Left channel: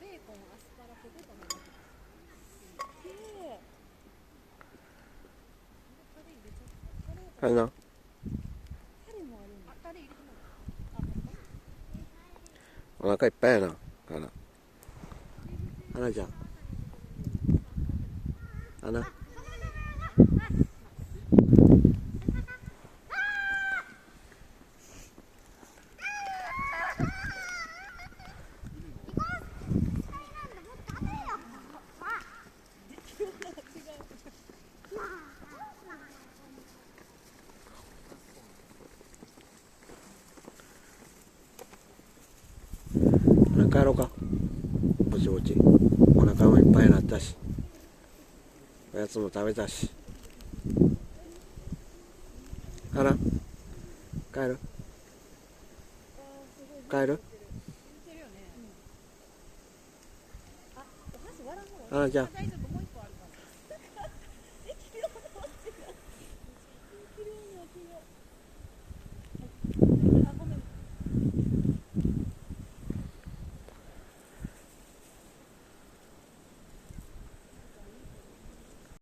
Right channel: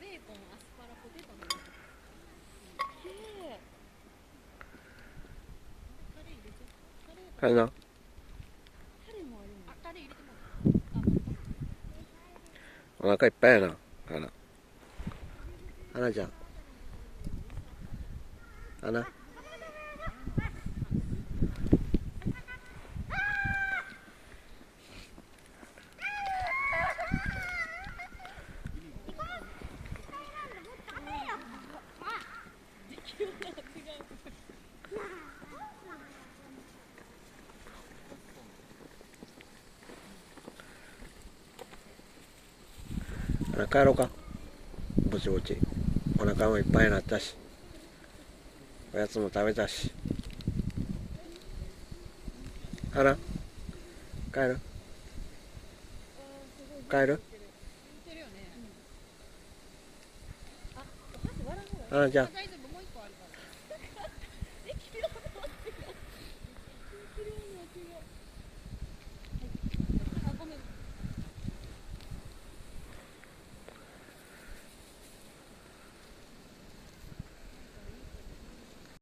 ベーコン、アスパラ、ポテトのやつ。タレ入れちゃった。あれな。タレもあるんだ。タレ入れてもお腹いっぱいやな。花ちゃん。花。帰ろうか。ぼちぼち。お腹もいっぱいになったし。おやつも食べたし。花帰る帰る花ちゃん。